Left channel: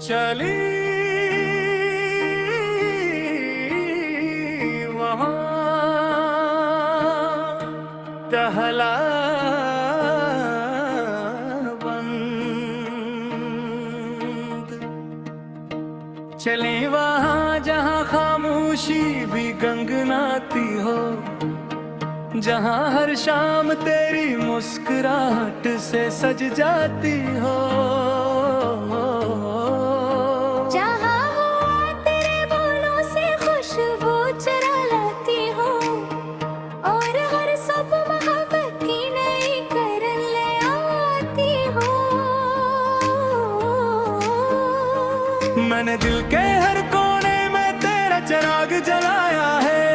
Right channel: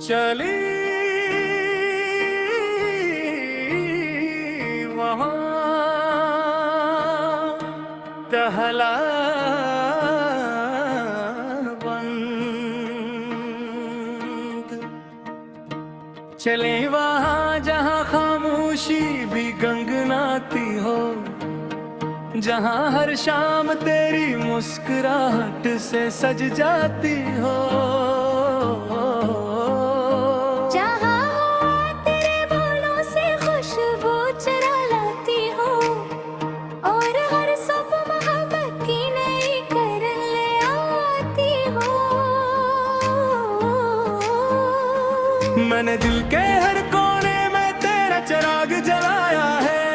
चली वहाँ टहला बंद, चले वहाँ जहाँ खामोशी भी गंगनाती हो, जहाँ हर शाम तेरी मुस्कुराहट से सज जाती हो। जहाँ हवा तेरे बोलों से खुशबू चुरा लाती हो, और हर सुबह मोहब्बत की नई किरण ले आती हो। मैंने दिल के हर कोने में तेरा चिराग जलाया है,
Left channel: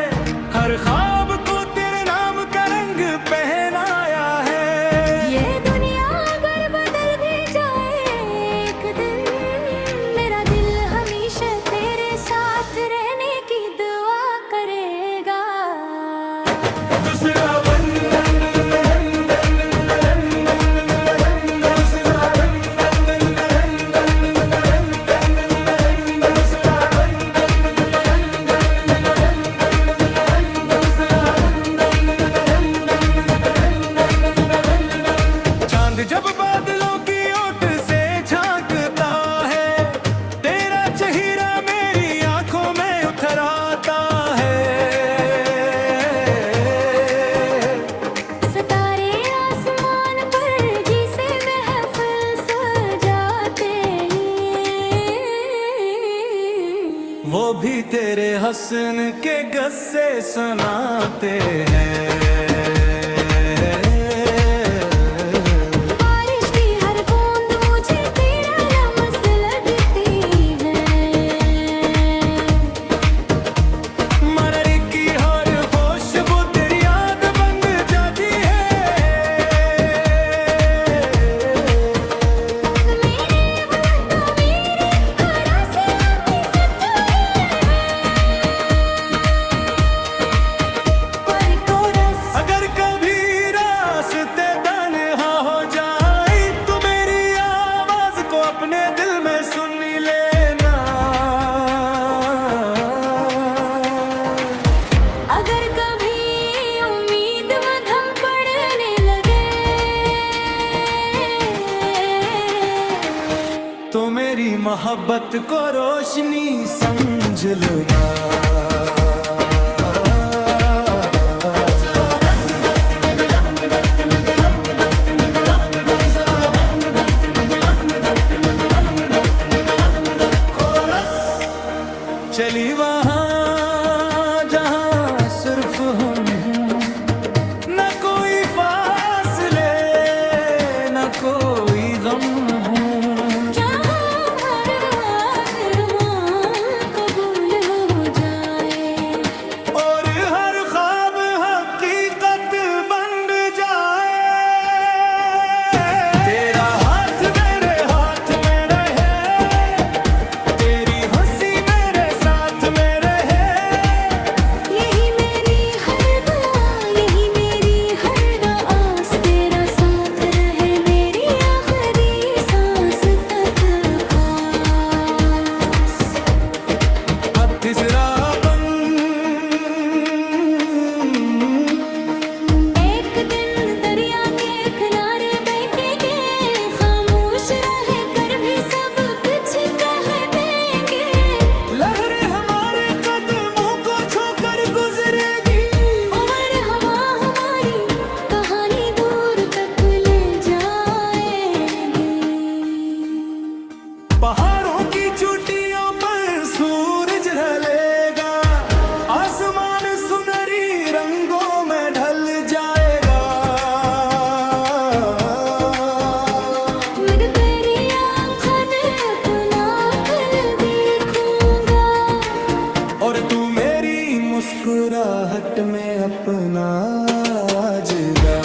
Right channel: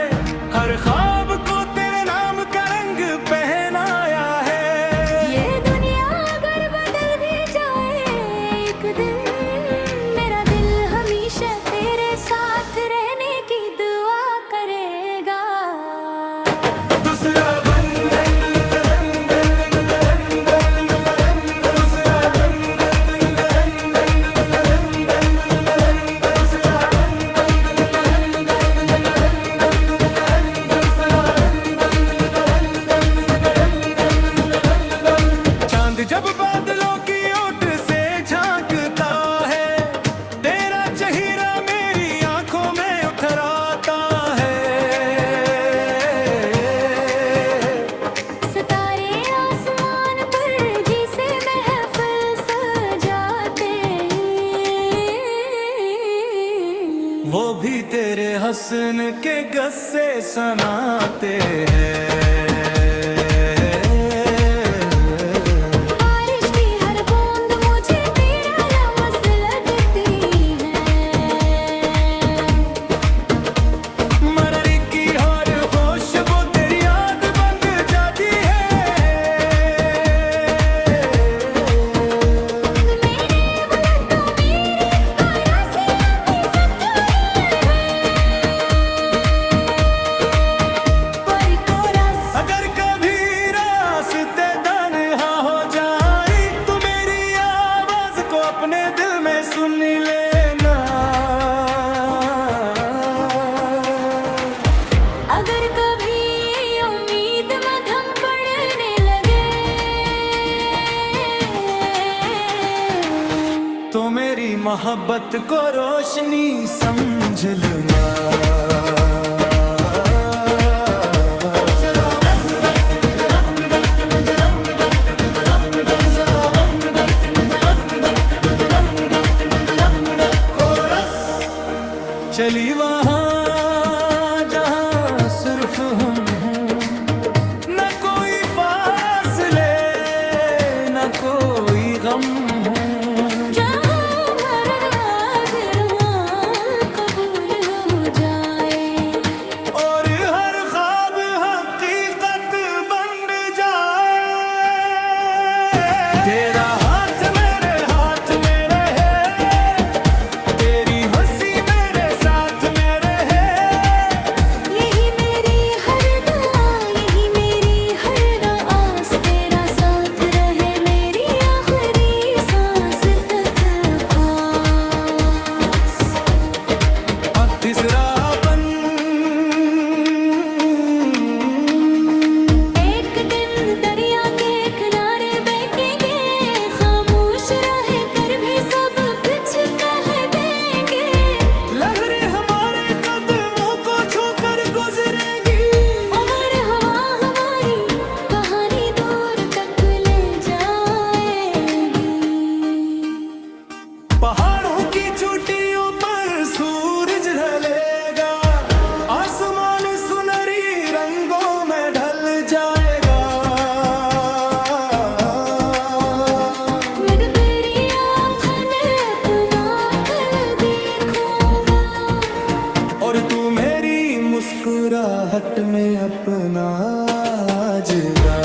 हर ख्वाब को तेरे नाम का रंग पहनाया है। ये दुनिया अगर बदल भी जाए एक दिन, मेरा दिल हमेशा तेरे साथ रहने की दुआ करेगा। दूसरा जब बादलों की ओट से झांकता है, तेरा चेहरा मेरी आंखों में उतर आता है। सितारे आसमान पर जिसे महफिल सजाते हैं, वो भी तेरे हसन के गस्से सुनाते हैं। अपने दिल में सुन लेना, अगर कभी उम्मीद मध्यम पड़ने लगे, तो मेरी मोहब्बत को रोशनी समझ लेना। चली वहाँ जहाँ सिर्फ हम हूँ, न कोई फासले न कोई गम हूँ, जहाँ हर हाजिर कबूल हो जाए, और हर ख्वाब हकीकत बन जाए। तेरा हाथ मेरे हाथ में रहे, तेरी हंसी तीसरा एक दिन दरिया के किनारे बैठेंगे, खामोश रह कर भी सब कुछ कह देंगे। लहरें हमारे कदमों को छूकर गुजरेगी, और हवा हमारी कहानी दूर तक ले जाएगी। पहाड़ों की चोटियों पर सूरज ढलेगा, आसमान सुनहरी रंगों में ढल जाएगा। मैं तेरी आँखों ने अपना कल देखूंगा, और तू मेरी मुस्कुराहट में अपना जगा।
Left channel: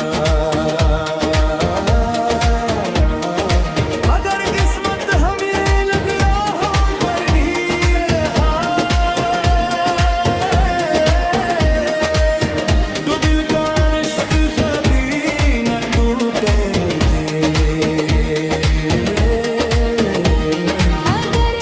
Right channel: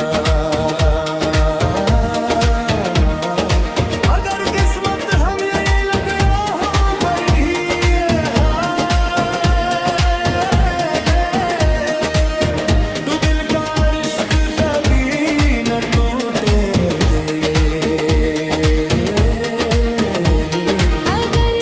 अगर किस्मत हम ये लग राहों पर भी तो दिल का रिश्क कभी न टूटे दे। अगर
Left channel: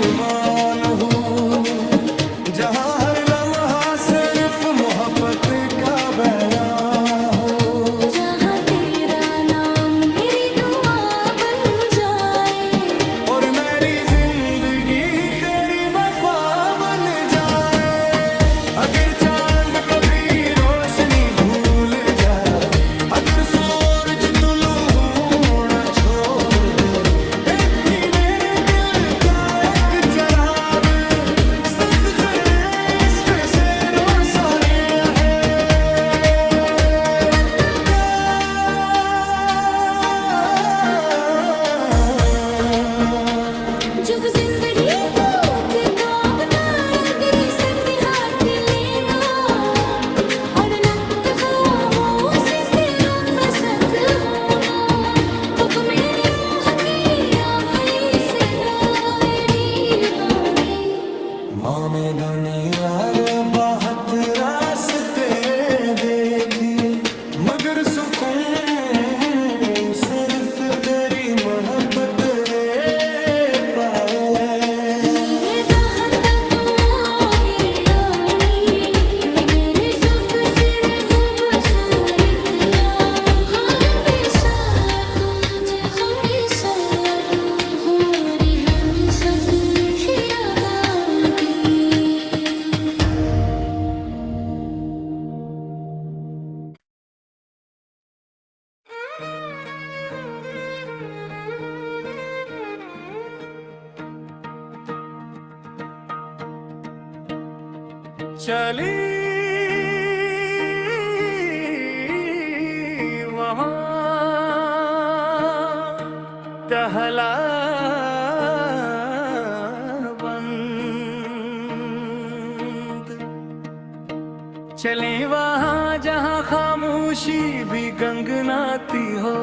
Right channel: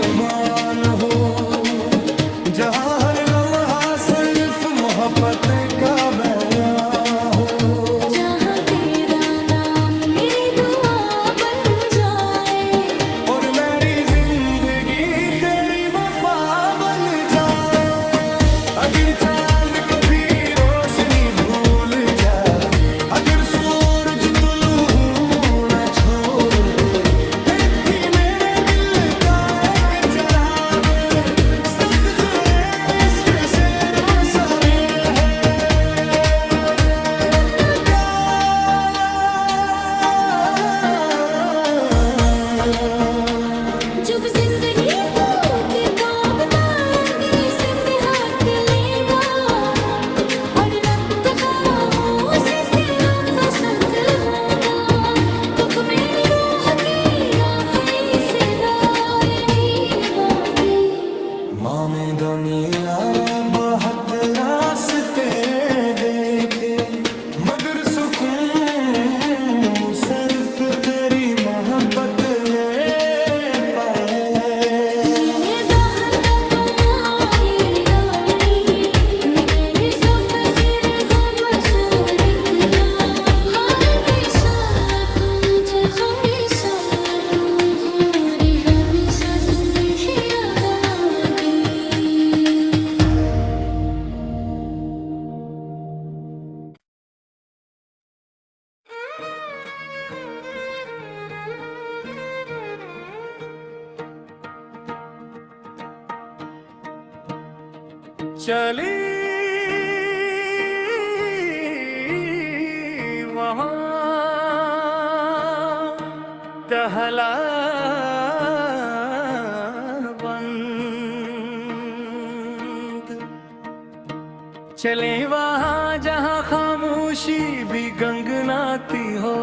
जुबान हूँ, जहाँ हर लम्हा सिर्फ मोहब्बत का बयां हो। जहाँ तेरा नाम मेरी दुआ बन जाए और मेरी जिंदगी तेरी वफा बन जाए। अगर चांद कभी रोशनी भूल जाए, अगर सूरज तुलू ना छोड़ दे, एक भी मेरे दिल का एक चराग सद तेरे इश्क से रोशन रहे। जुग जिंदगी तू के काबता गिरी से हाथ लेगा और नक्त का होशी से रूप सत होगा। कब मेरी रूह की आखिरी से दायरी बागी। माँ में दुनिया रे बहुत रास्ते देखे, मगर सुकून सिर्फ तेरी मोहब्बत ले पाए। ये दाहता तुम्हारी रानी मेरे सब सिरे खूबसूरत या। हमेशा तुमसे हमेशा तुम हो रे, हमेशा तुम हीरा दागी। चली वहाँ टहला बंद, चले वहाँ जहाँ खामोशी भी गंगनाती हो,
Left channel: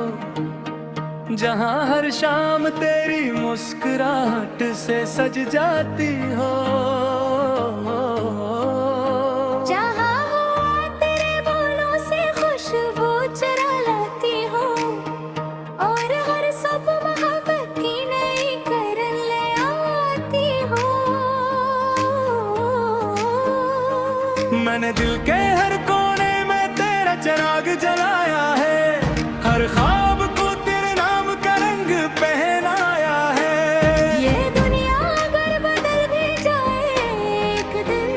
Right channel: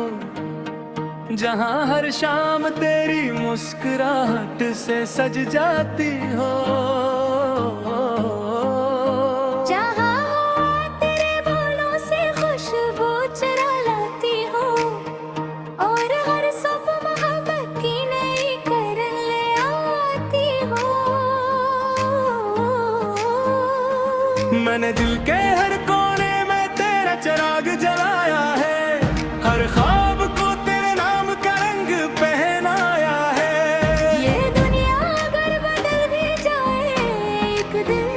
जहाँ हर शाम तेरी मुस्कुराहट से सज जाती हो। जहाँ हुआ तेरे बोलों से खुशबू चुरा लाती हो और हर सब मोहब्बत की नई करन ले आती हो। मैंने दिल के हर कोने में तेरा चिराग जलाया है, हर ख्वाब को तेरे नाम का रंग पहनाया है। ये दुनिया अगर बदल भी जाए एक दिन,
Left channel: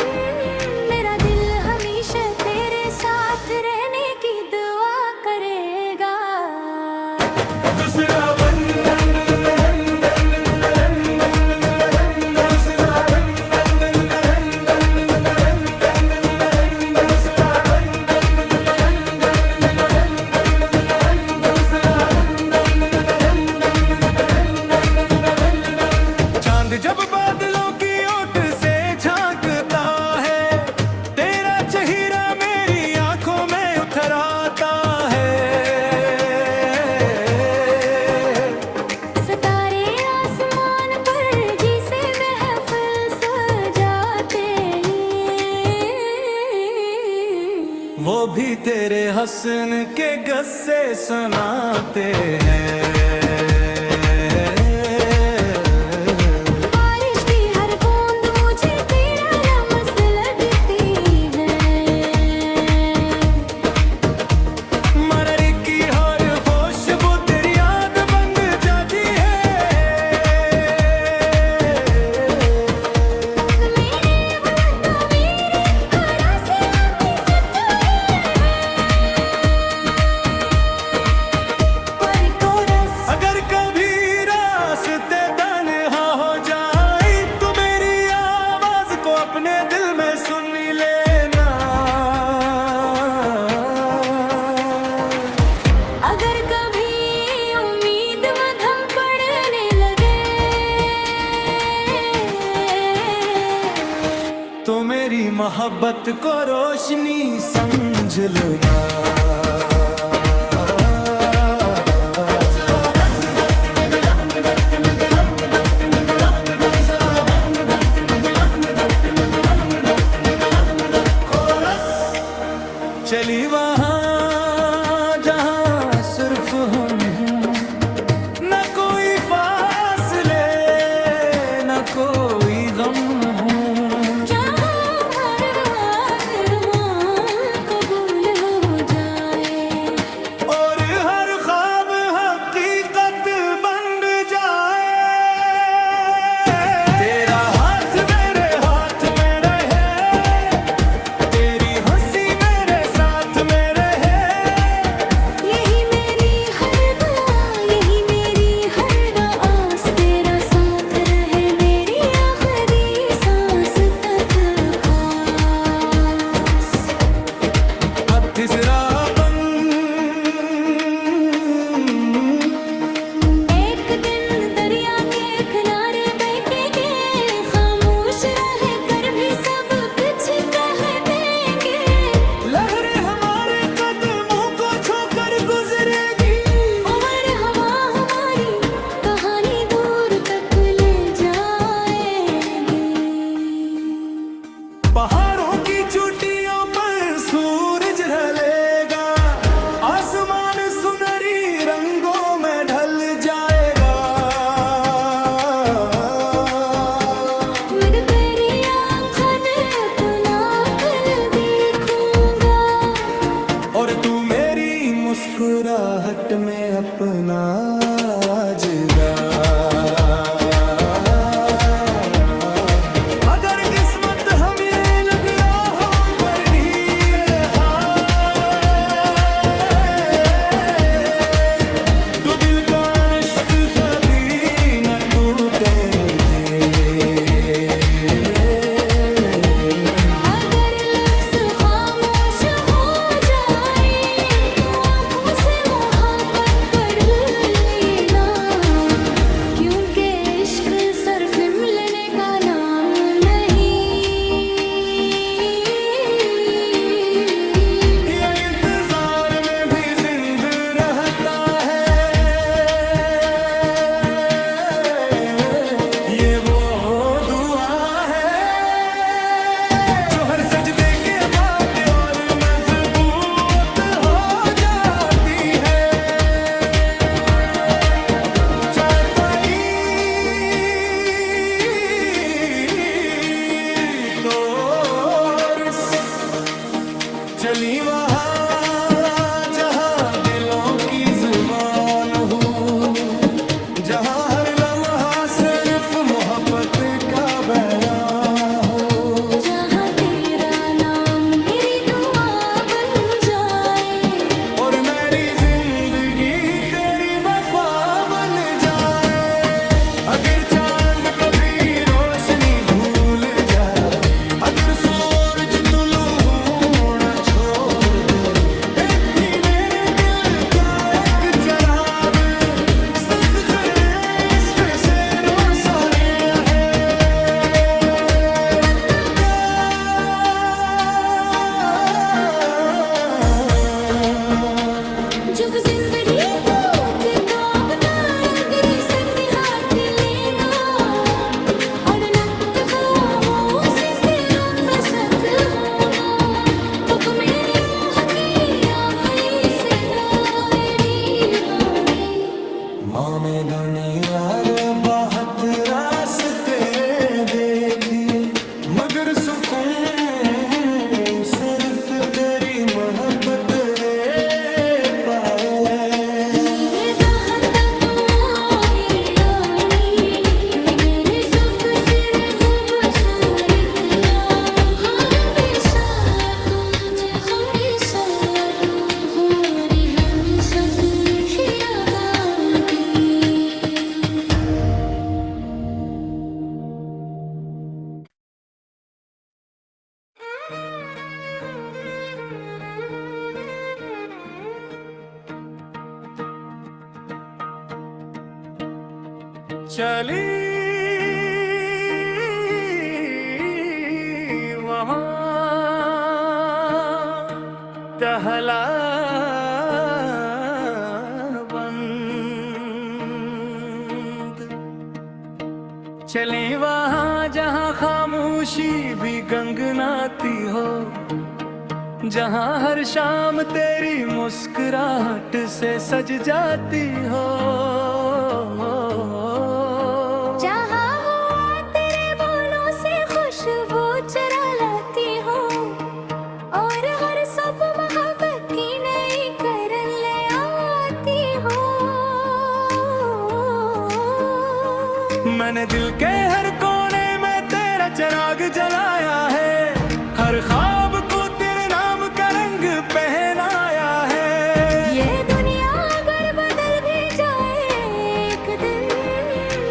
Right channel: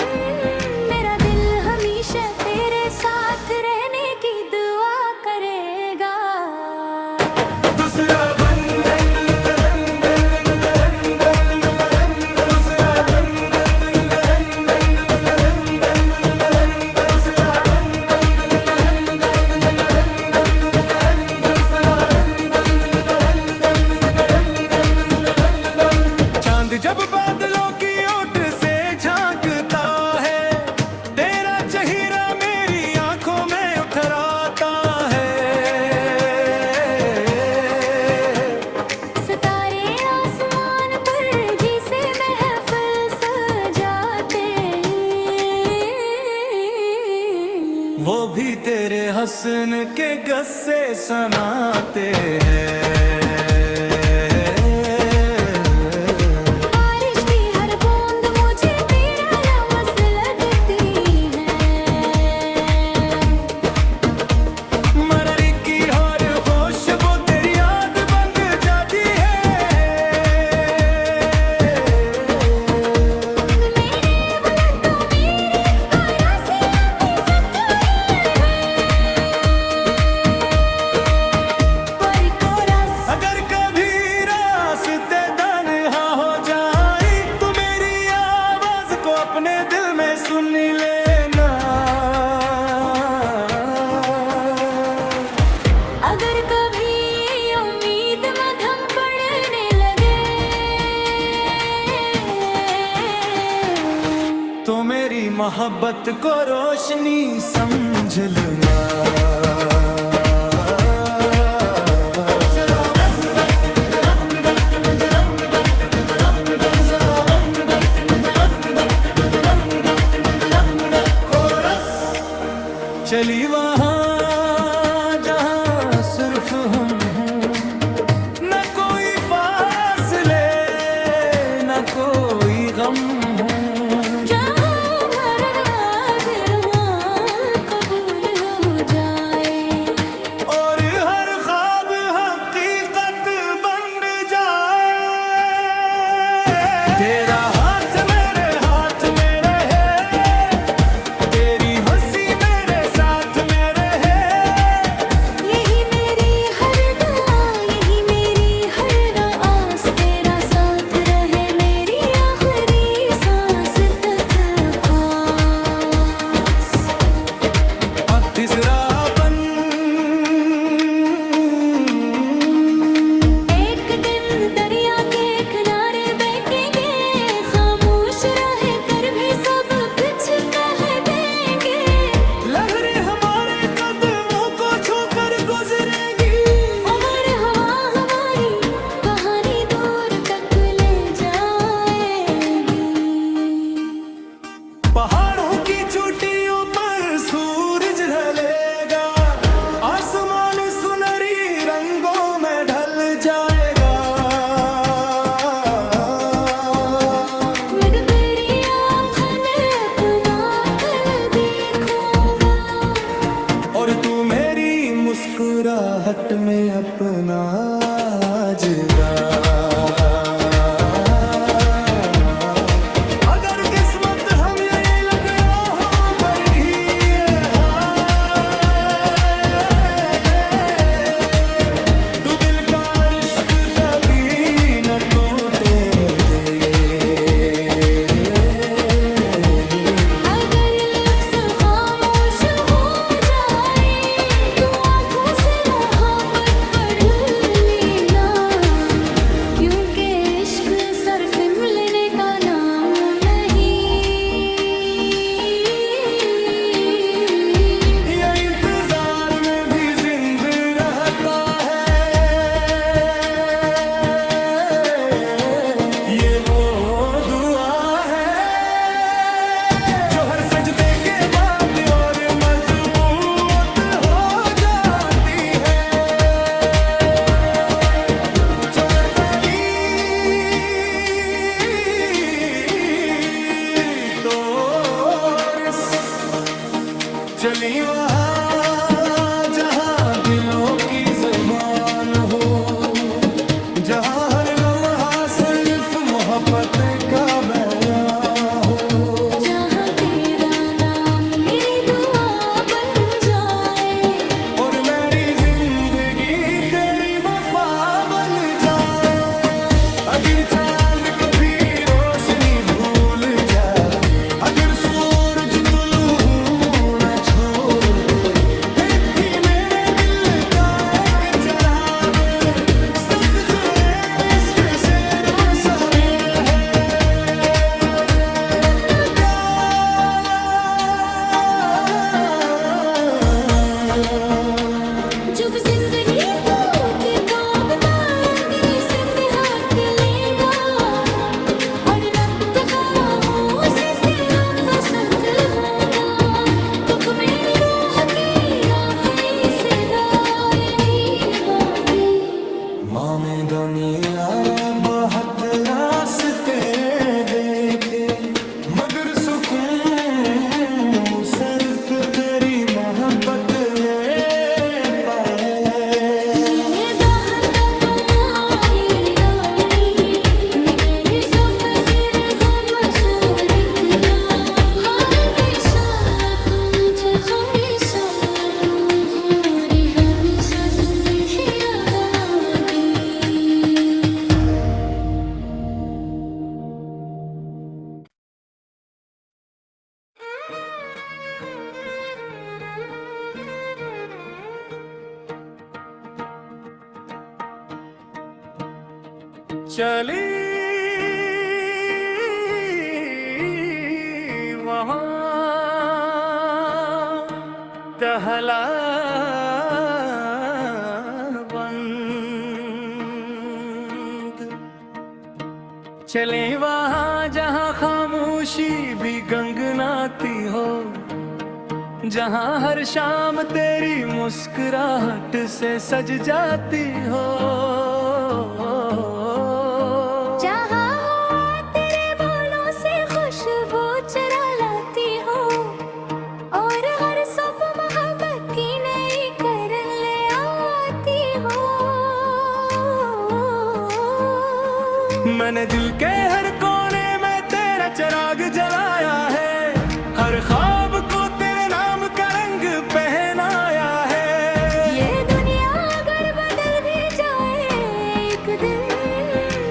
मेरा दिल हमेशा तेरे साथ रहने की दुआ करेगा। दूसरा चांद जब बादलों की ओट से झांकता है, तेरा चेहरा मेरी आंखों में उतर आता है। सितारे आसमान पर जिसे महफिल सजाते हैं, वो भी तेरे हसन के गस्से सुनाते हैं। बारिश की हर बूंद मुझे तेरा लम्स लगती है। मररी की हर खुशबू तेरी याद बन जाती है। मैंने बोला तो मेरी आराज़ी अपनी सतुरी है। पर कोरस अगर कभी रास्ते तन्हा हो जाए, तो मेरी आवाज को अपने दिल में सुन लेना। अगर कभी उम्मीद मध्यम पड़ने लगे, तो मेरी मोहब्बत को रोशनी समझ लेना। चली वहाँ जहाँ सिर्फ हम हूँ, न कोई फासले न कोई चोटियों पर सूरज ढलेगा, आसमान सुनहरी रंगों में ढल जाएगा। मैं तो तेरी आँखों ने अपना कल देखूंगा, और तू मेरी मुस्कुराहट में अपना जगा। अगर किस्मत हम ये लग राहों पर भी है तो दिल का रिश्क कभी न टूटे दे। अगर लफ्ज़ खामोश हो जाए तो आँखों से मोहब्बत पढ़ लेना, क्योंकि इश्क सिर्फ मिलने का नाम नहीं। ये इंतजार में भी जिंदा रहता है, ये वो दुआ है जो हर सजदे के बाद और मजबूत हो जाती है। तो चली वहाँ जहाँ दिलों की जुबान हो, जहाँ हर लम्हा सिर्फ मोहब्बत का बयां हो, जहाँ तेरा नाम मेरी दुआ बन जाए और मेरी जिंदगी तेरी वफा बन जाए। अगर चांद कभी रोशनी भूल जाए, अगर सूरज तुलू न छोड़ दे, फिर भी मेरे दिल का एक चिराग सद तेरे इश्क से रोशन रहे। जुग जिंदगी तू किताब ताकरी से हाथ लेगा, और नक्त का होशी से रूप सत होगा। तो मेरी रूह की आखिरी से दायरी बागी। माँ ने दुनिया रे बहुत रास्ते देखे, मगर सुकून सिर्फ तेरी मोहब्बत ले पाए। ये दाहता तुम्हारी रानी, मगर सब सिर हो बसरत या। हमेशा तुम हो रे, हमेशा तुम ही रगागे। चली वहाँ टहला बंद, चले वहाँ जहाँ खामोशी भी गंगनाती हो, जहाँ हर शाम तेरी मुस्कुराहट से सज जाती हो। जहाँ हुआ तेरे बोलों से खुशबू चुरा लाती हो, और हर सुबह मोहब्बत की नई करन ले आती हो। मैंने दिल के हर कोने में तेरा चिराग जलाया है, हर ख्वाब को तेरे नाम का रंग पहनाया है। ये दुनिया अगर बदल भी जाए एक दिन,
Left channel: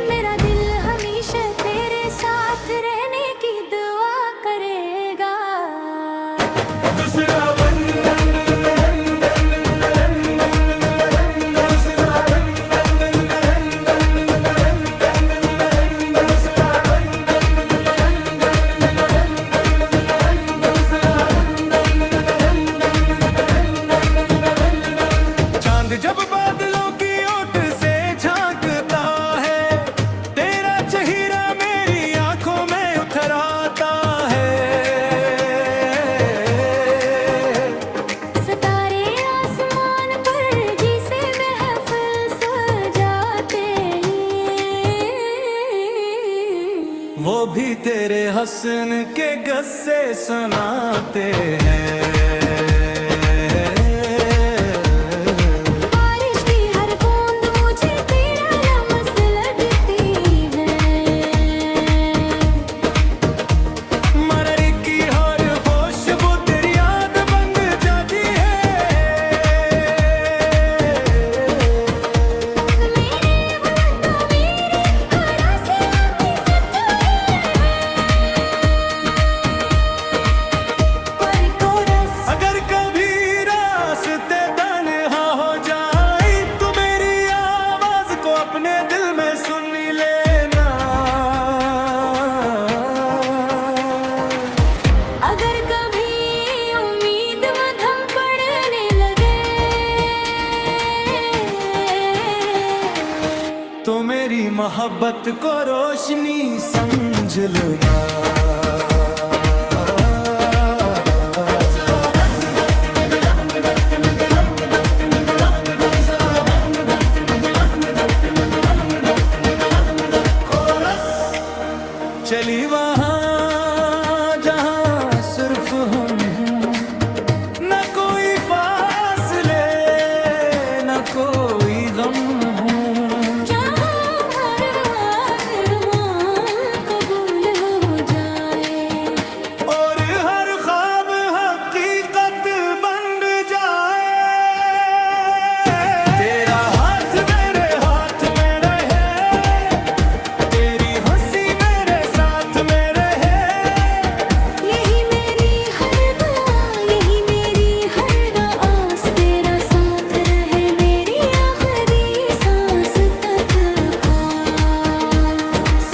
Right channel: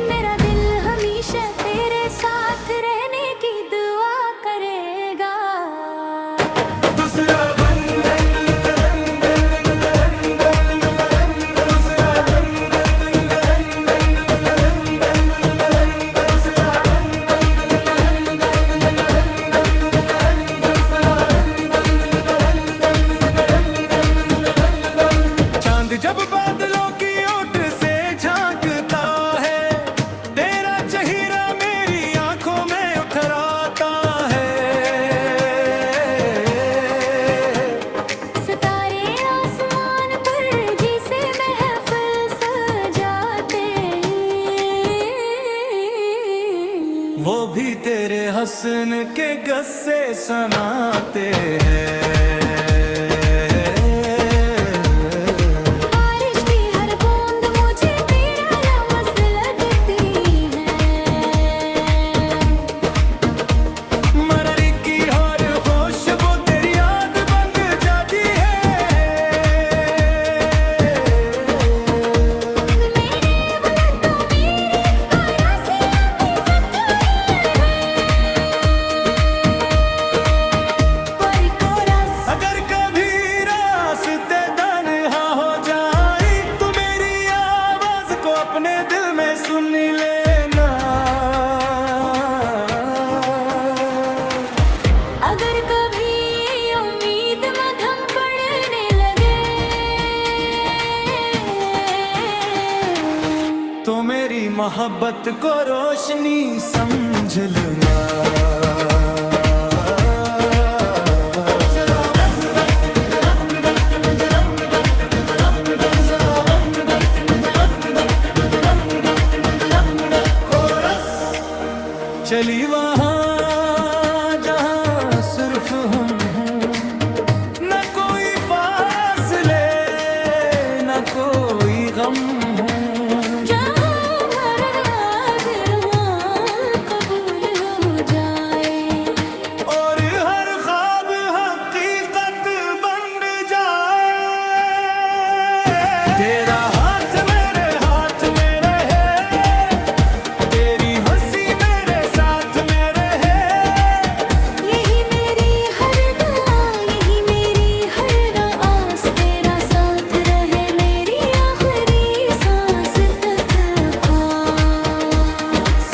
मेरा दिल हमेशा तेरे साथ रहने की दुआ करेगा। दूसरा वो भी तेरे हसन के गस्से सुनाते हैं। बारिश की हर बूंद मुझे तेरा लमस लगती है। मररी की हर खुशबू तेरी याद बन जाती है। मेरे बुलबुल मेरी आराज़ियाँ भी सतुरी है। पर कोरस अगर कभी रास्ते तन्हा हो जाए तो मेरी आवाज को अपने दिल में सुन लेना। अगर कभी उम्मीद मध्यम पड़ने लगे तो मेरी मोहब्बत को रोशनी समझ लेना। चली वहाँ जहाँ सिर्फ हम हों, न कोई फासले न कोई गम हो। जहाँ हर राज रुआ कबूल हो जाए और हर ख्वाब हकीकत बन जाए। तेरा हाथ में रहे, तेरी हंसी मेरे साथ में रहे। यही मेरी हर दुआ यही मेरी हर आस तेरा साथ रहे मेरी आखिरी सांस तक पास।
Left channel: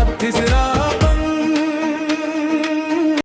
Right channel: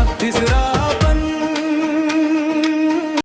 अब तीसरा